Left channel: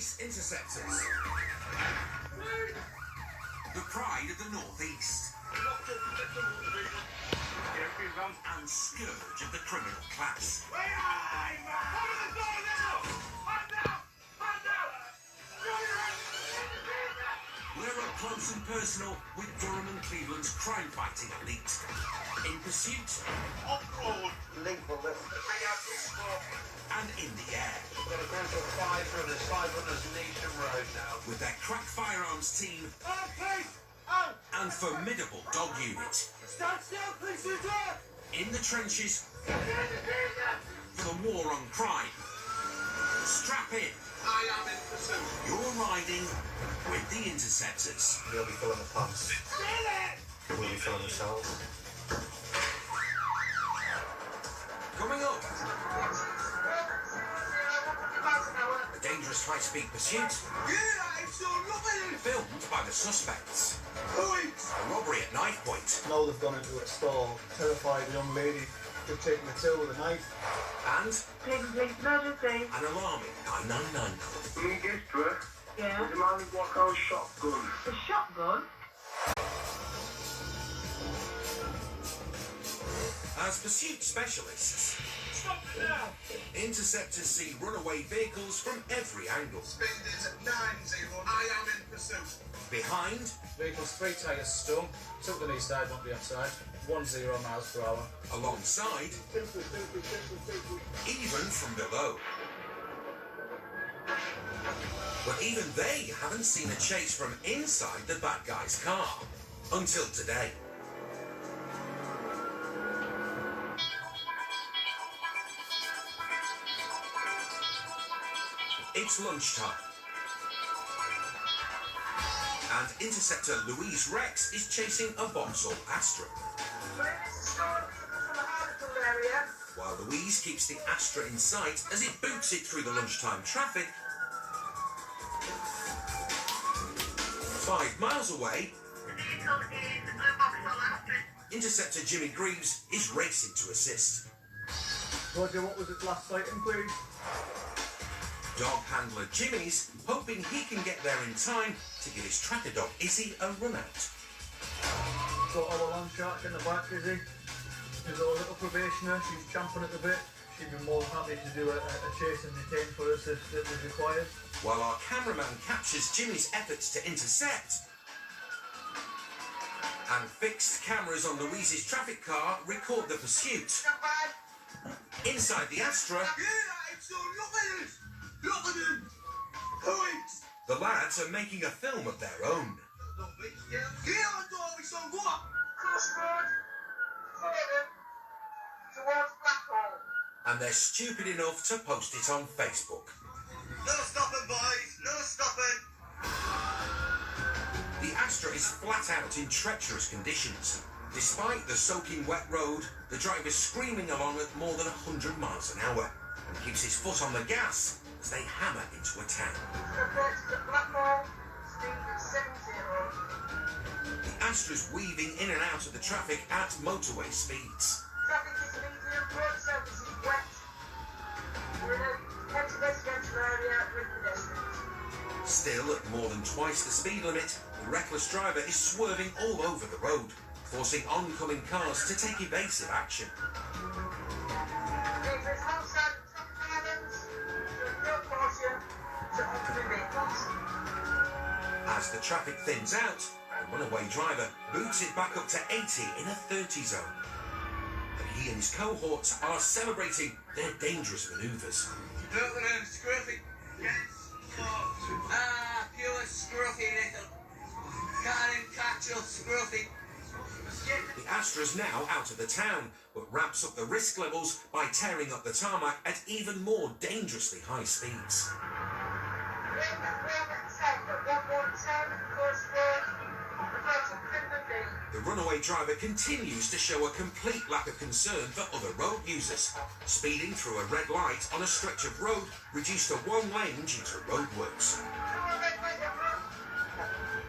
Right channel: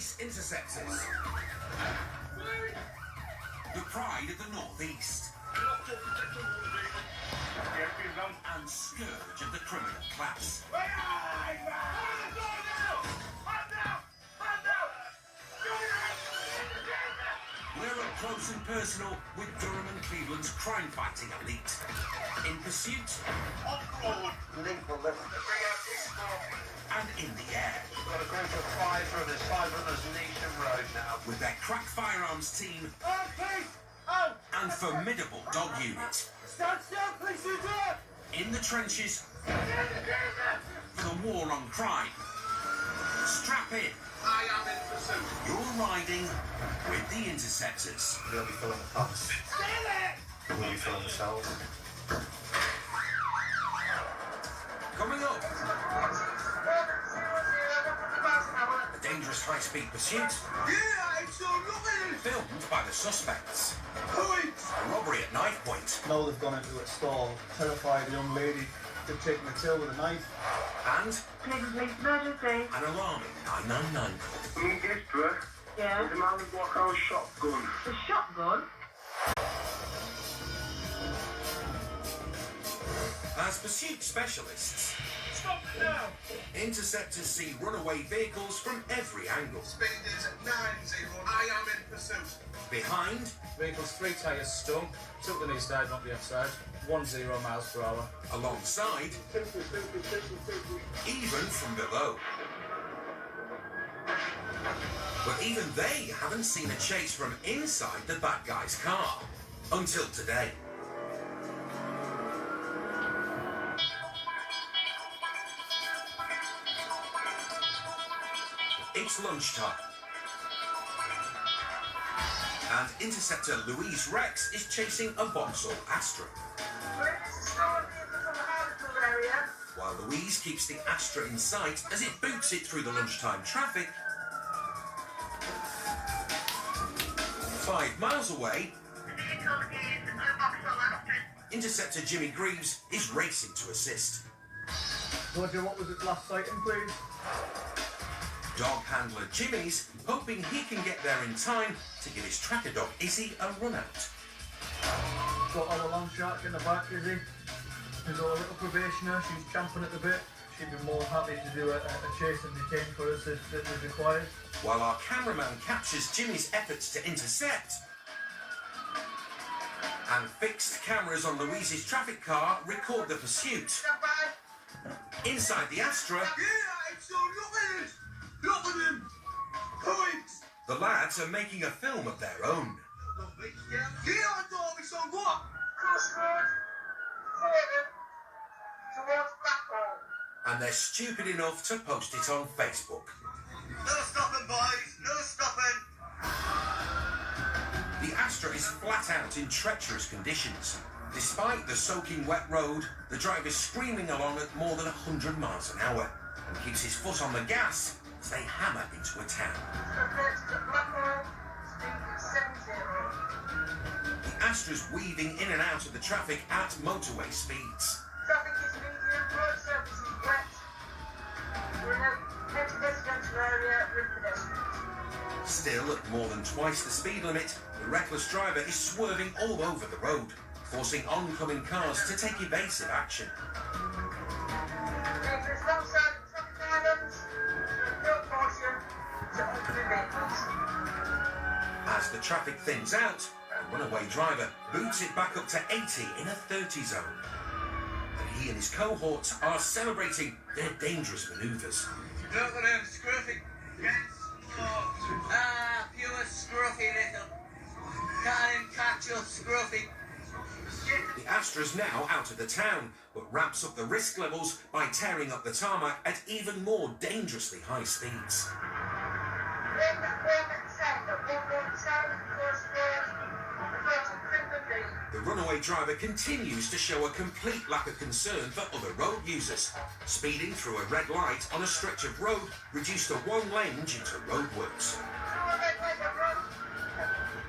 Police Interceptors. The pride of the North East. And scourge of the criminal class. We're up close and personal with Durham and Cleveland's crime-fighting elite. In pursuit. Off-road. Lethal lift. And in the air. We've got a group of 500 Nation Road now. With their crack firearms team. Oh, please! Oh! And formidable dog unit. Stand still, please, you do it! In the trenches. For the war on crime. Strap in. I am in pursuit. You're riding with the Interceptors. They'll be filling the pumps. Still it! We'll be filling themselves. Coming up. A dangerous high-speed pursuit. Yeah, it's all looking. Filmed by the suspects. Point! A robbery at knife point. Now they've gone into a stall, terrified young lady. They've taken the till with a knife. And Please, emergency. an alarming 999 call. Me district. Yeah. The man with walk out shotgun. The shotgun? As pursuit specialists, Stop now! Interceptors see runaway vehicles from every angle. Speed is 90. I am in pursuit. Behind, Vehicle's 3 tyres stung. Took them east side, not the outside. 10 miles per hour. alongside, even from below. But even they haven't seen a chase from inside the bad guy's car. Until today. It's lunchtime. And Interceptor Louise Rex is chasing a Vauxhall Astra. While Louise keeps the Astra in sight as it boots it through the lunchtime traffic. 5 miles away, Interceptor Jimmy Greaves is racing to assist. Roger, what was its last sighting, please? Dog handler Jimmy's hoping he can get there in time to give his tracker dog Izzy a run out. Got our land shark in the back, is he? There's our little probationer, she's champing at the bit. She'd be more happy to do a chase and detain for us if it was required. While our cameraman captures Jimmy's efforts to intercept. And fixed cameras on Louise's traffic car record the pursuit. Inside the Astra, Yeah, it's all looking. Look at him. Point! the lads are making a film of their own. Yeah, I thought it's on what? Crossroad. Further. Towards Blackwall. And they're stupid enough to post it on Facebook. No stopping, boys. No stopping. The Astra is flat out in treacherous conditions. Despite the soaking wet road, the driver's screaming along at more than 100 miles an hour and keeps his foot on the gas as they hammer into a town. Subject to Blackwall. Speed 70. The Astra's weaving in and out of the traffic at motorway speeds. Traffic is medium, road surface is wet. We're in a heavy residential area with pedestrians. Still, at more than twice the speed limit, the reckless driver is swerving all over the road, forcing oncoming cars to take evasive action. There is no sign of traffic islands. No caution to oncoming vehicles. As the traffic thins out, the runaway driver boots it back up to 80 in a 30 zone. And he and his cohorts are celebrating their dangerous manoeuvres. Look at him, scruffy. Yes. Ah, pure scruffy little. Can't him catch you, scruffy. The Astra's now out of the town, but ramps up the risk levels by tearing up the tarmac at even more dangerously high speeds. The runaway driver continues to show a complete lack of concern for other road users, speeding through a red light on a stretch of road reduced to 1 lane due to roadworks.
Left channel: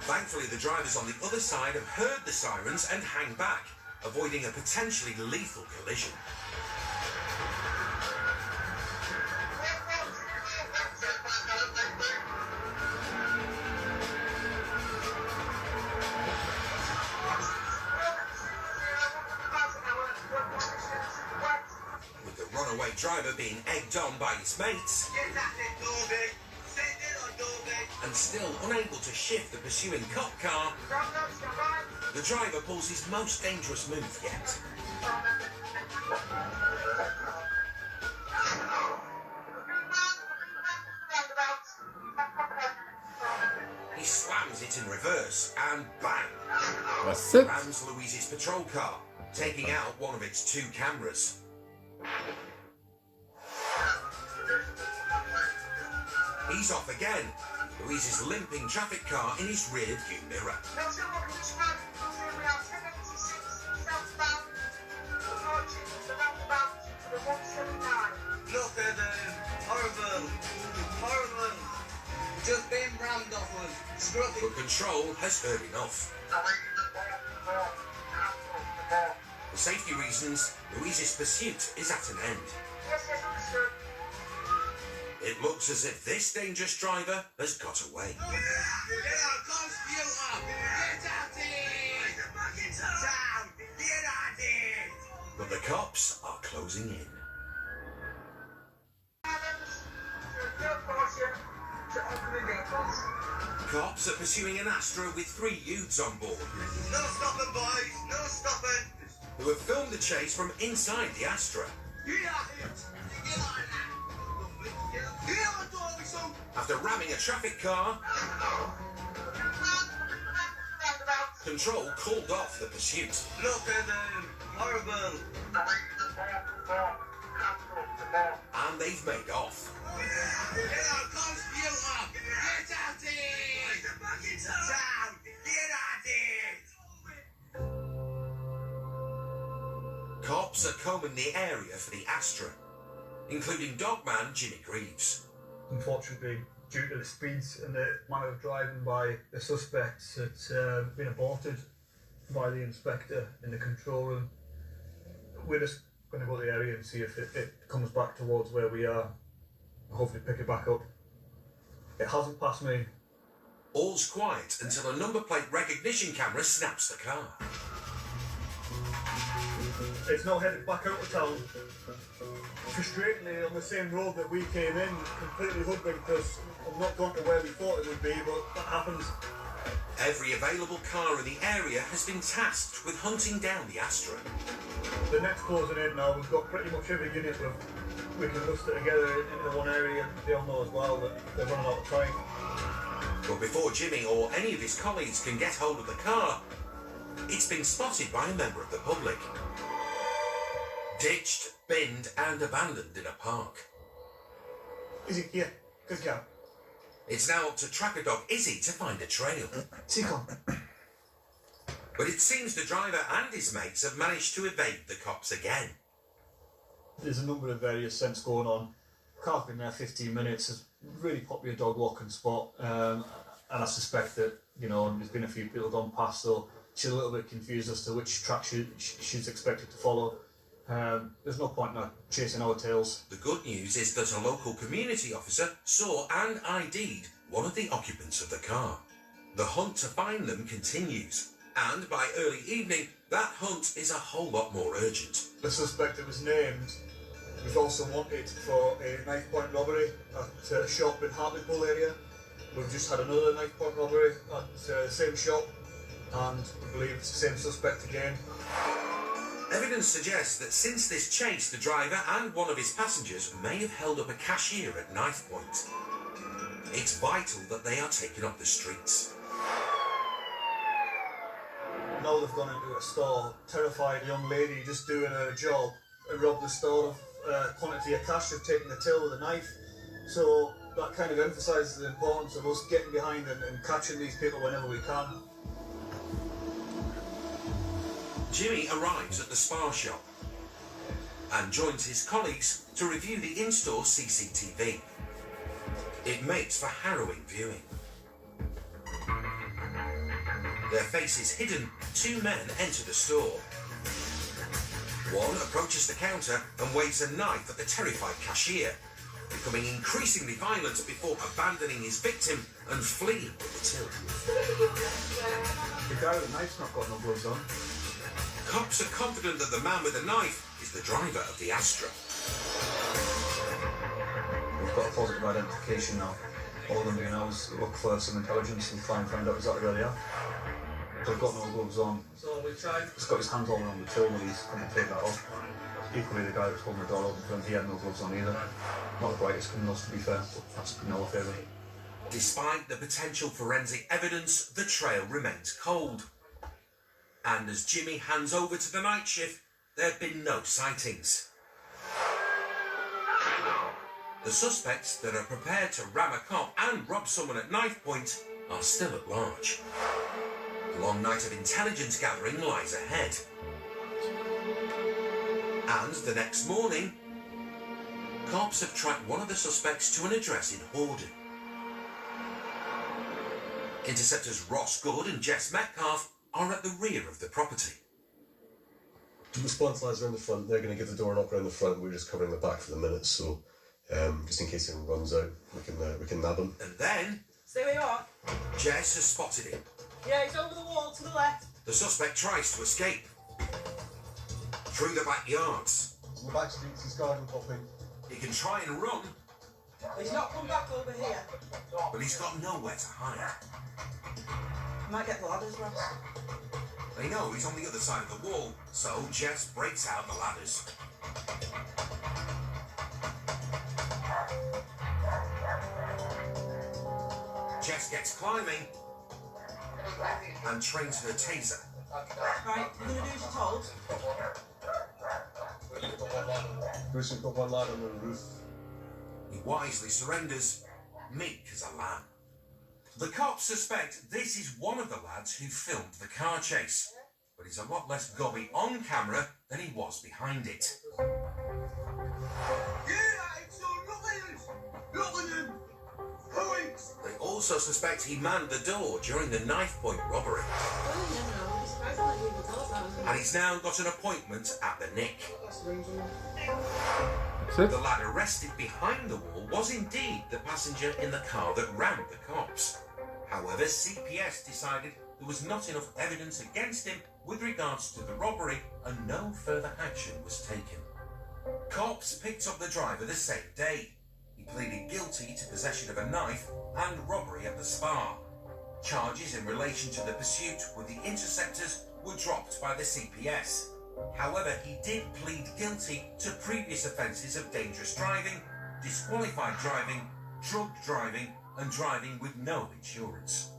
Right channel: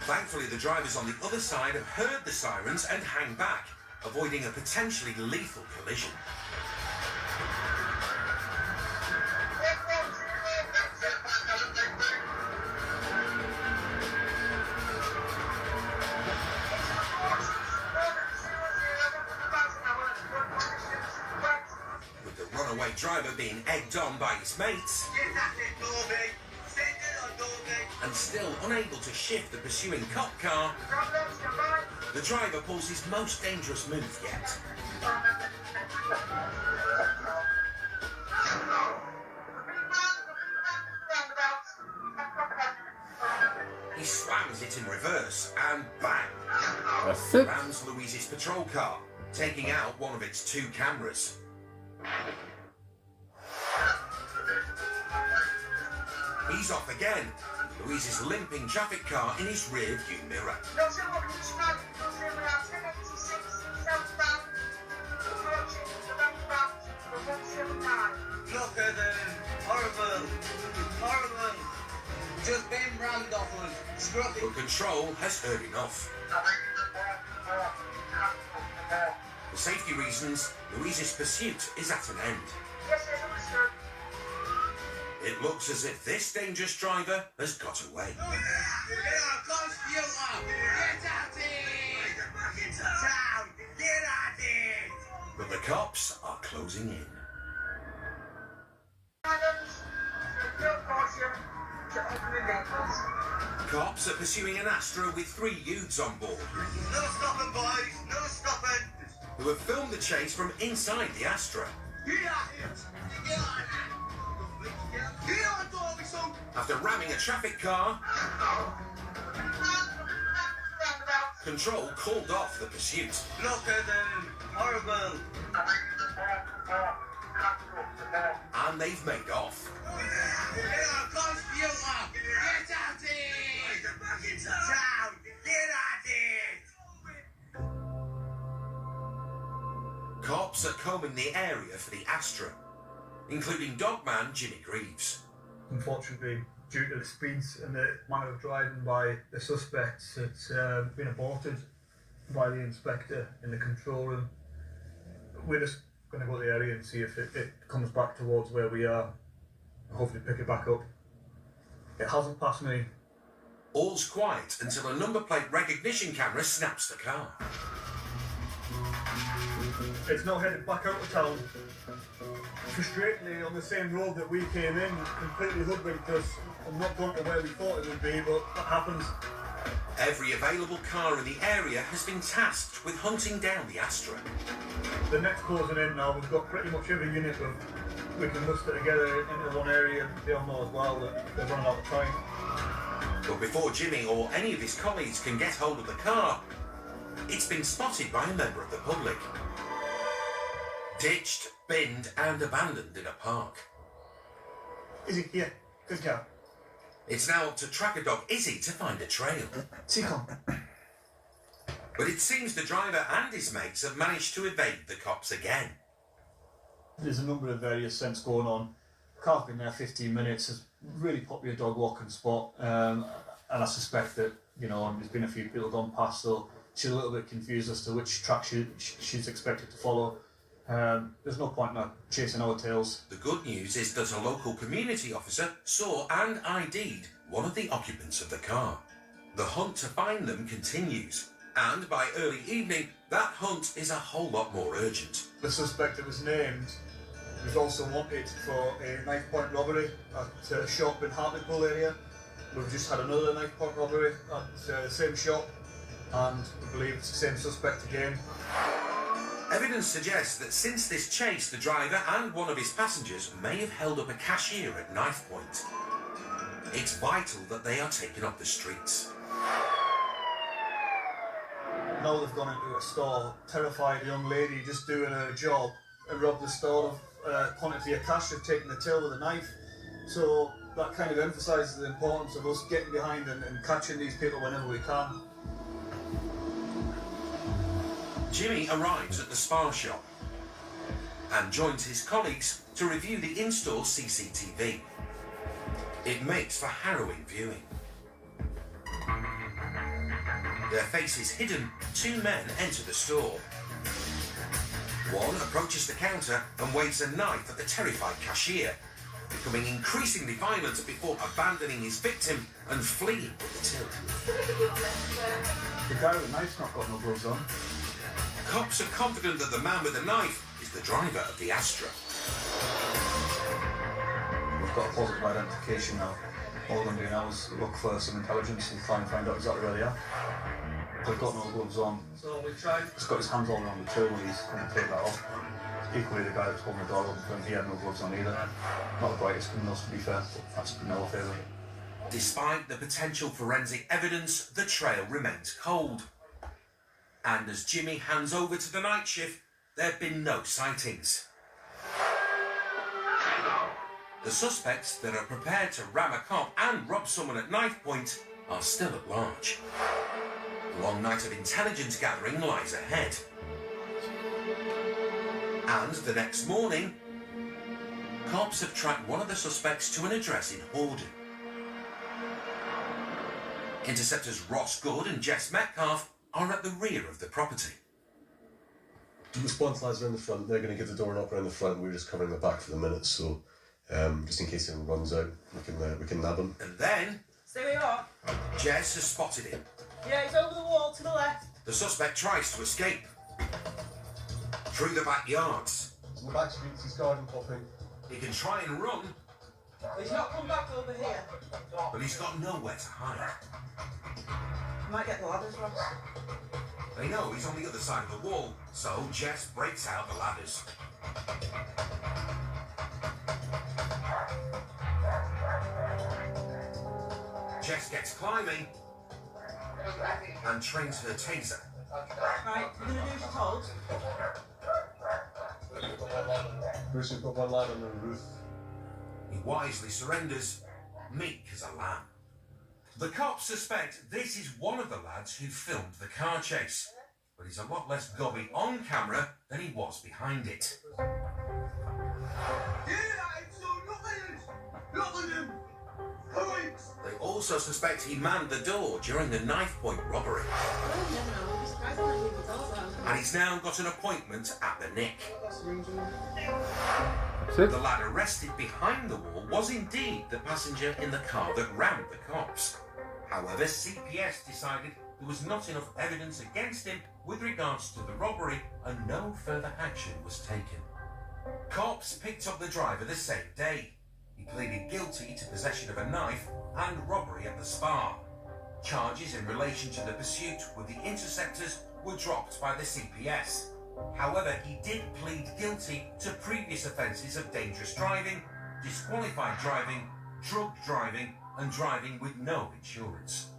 Thankfully, the drivers on the other side have heard the sirens and hang back, avoiding a potentially lethal collision. despite driver being egged on by his mates Get at it, Dobby. Send it on Dobby. and still unable to shift the pursuing cop car, the driver pulls his most dangerous move yet. He slams it in reverse and bang! That's it. Rams Louise's patrol car, taking out one of its 2 cameras. He's off again. Louise's limping traffic car in his rear view mirror. Look at them. Horrible. Horrible. Just been rammed off one. Scruffy. But control has heard enough. For safety reasons, Louise's pursuit is at an end. It looks as if this dangerous driver has got away. Get on, computer. Get at it. Town. Get at it. But the cops are closing in. Cops are pursuing an Astra with 3 youths on board, No stopping, boys. No stopping. who have filmed the chase from inside the Astra. Get at it. Get on it. Get on, Dobby, son. After ramming a traffic car, control called off the pursuit. Look at them. Horrible. And they've made off. Get on, computer. Get at it. Town. Get at it. Cops are combing the area for the Astra, including dogman Jimmy Greaves. Unfortunately, due to the speeds and the manner of driving by the suspects, it's been aborted by the inspector in the control room. We're just going to go to the area and see if it comes back towards where we are. Hopefully pick it back up. It hasn't passed me. All's quiet until a number plate recognition camera snaps the car. It's now headed back out of town. Frustratingly, on the same road that we came in, completely hoodwinked us. I'm not going to where we thought it would be, but that happens. Every available car in the area has been tasked with hunting down the Astra. The next closing in now, we've got pretty much every unit we can muster together into one area, and they'll know as well that they're running out of time. But before Jimmy or any of his colleagues can get hold of the car, it's been spotted by a member of the public. Ditched, binned and abandoned in a park. Izzy, here, good job. It's now up to tracker dog Izzy to find a trail. Seacon. But it seems the driver and his mates have managed to evade the cops again. There's a number of various scents going on. Car's been there 15 minutes, it's a really popular dog walking spot, and I suspect that, you know, there's been a few people gone past, so she's a little bit confused as to which track she's expected to follow. There's no point in her chasing our tails. The good news is that a local community officer saw and ID'd one of the occupants of the car. The hunt to find them continues, and by early evening, that hunt is a whole lot more urgent. The suspect that was named was also wanted for a knife point robbery at a shop in Hartlepool area. We've just had another knife point robbery at the same shop, and I believe it's the same suspect again. Evidence suggests that since this chase, the driver and one of his passengers may have held up a cashier at knife point. It's vital that they are taken off the streets. Now they've gone into a store, terrified young lady just doing her job, and robbed the store of a quantity of cash. They've taken the till with a knife. So that kind of emphasises the importance of us getting behind and catching these people whenever we can. Jimmy arrives at the Spar shop and joins his colleagues to review the in-store CCTV. It makes for harrowing viewing. Their faces hidden, 2 men enter the store. One approaches the counter and waves a knife at the terrified cashier, becoming increasingly violent before abandoning his victim and fleeing with the till. The guy with the knife's not got no gloves on. Cops are confident that the man with the knife is the driver of the Astra. we've got a positive identification now. All of them being ours look for some intelligence and try and find out exactly where they are. They've got no gloves on. So we tried. He's got his hands all around the till when he's going to take that off. Equally, the guy that's holding the door open for him, he had no gloves on either. Not the brightest criminals, to be fair, but that's in our favour. Despite the potential forensic evidence, the trail remains cold. And as Jimmy hands over to the night shift, there have been no sightings. The suspects that are prepared to ram a cop and rob someone at knife point are still at large. A long night of intelligence gathering lies ahead. And the next morning, cops have tracked one of the suspects to an address in Hordon. Interceptors Ross Good and Jess Metcalf are at the rear of the property. The response lads are in the front. They're going to give the door knock around the front. We're just covering the back for the minute, so just in case anyone runs out, we can nab him. And then Stay where you are. Jess has spotted him. Yeah, he's over the wall to the left. The suspect tries to escape through the backyards. In the back streets, he's garden hopping. He can try and run, He's not come back over here. but he's got nowhere to hide. Might get the ladders, Ross. They know he's on the other side of the wall, so Jess breaks out the ladders. Jess gets climbing and trains her taser. Right, you're going to do as you're told. Bruce, we've got one lad on the roof. He wisely surrenders, meek as a lamb. The cops suspect this is one of the lads who filmed the car chase, but he's a lot less gobby on camera than he was behind it. They also suspect he manned the door during the knife point robbery. And he's now got an appointment at the Nick. The lad arrested behind the wall was indeed the passenger in the car that rammed the cops. However, CPS decided there was not enough evidence against him with regards to the robbery and no further action was taken. Cops picked up the driver the same day. He pleaded guilty to possession of a knife and robbery at the spa. Charges in relation to the pursuit with the interceptors were dropped by the CPS. However, he did plead guilty to previous offences of dangerous driving, disqualified driving, drug driving and driving with no insurance.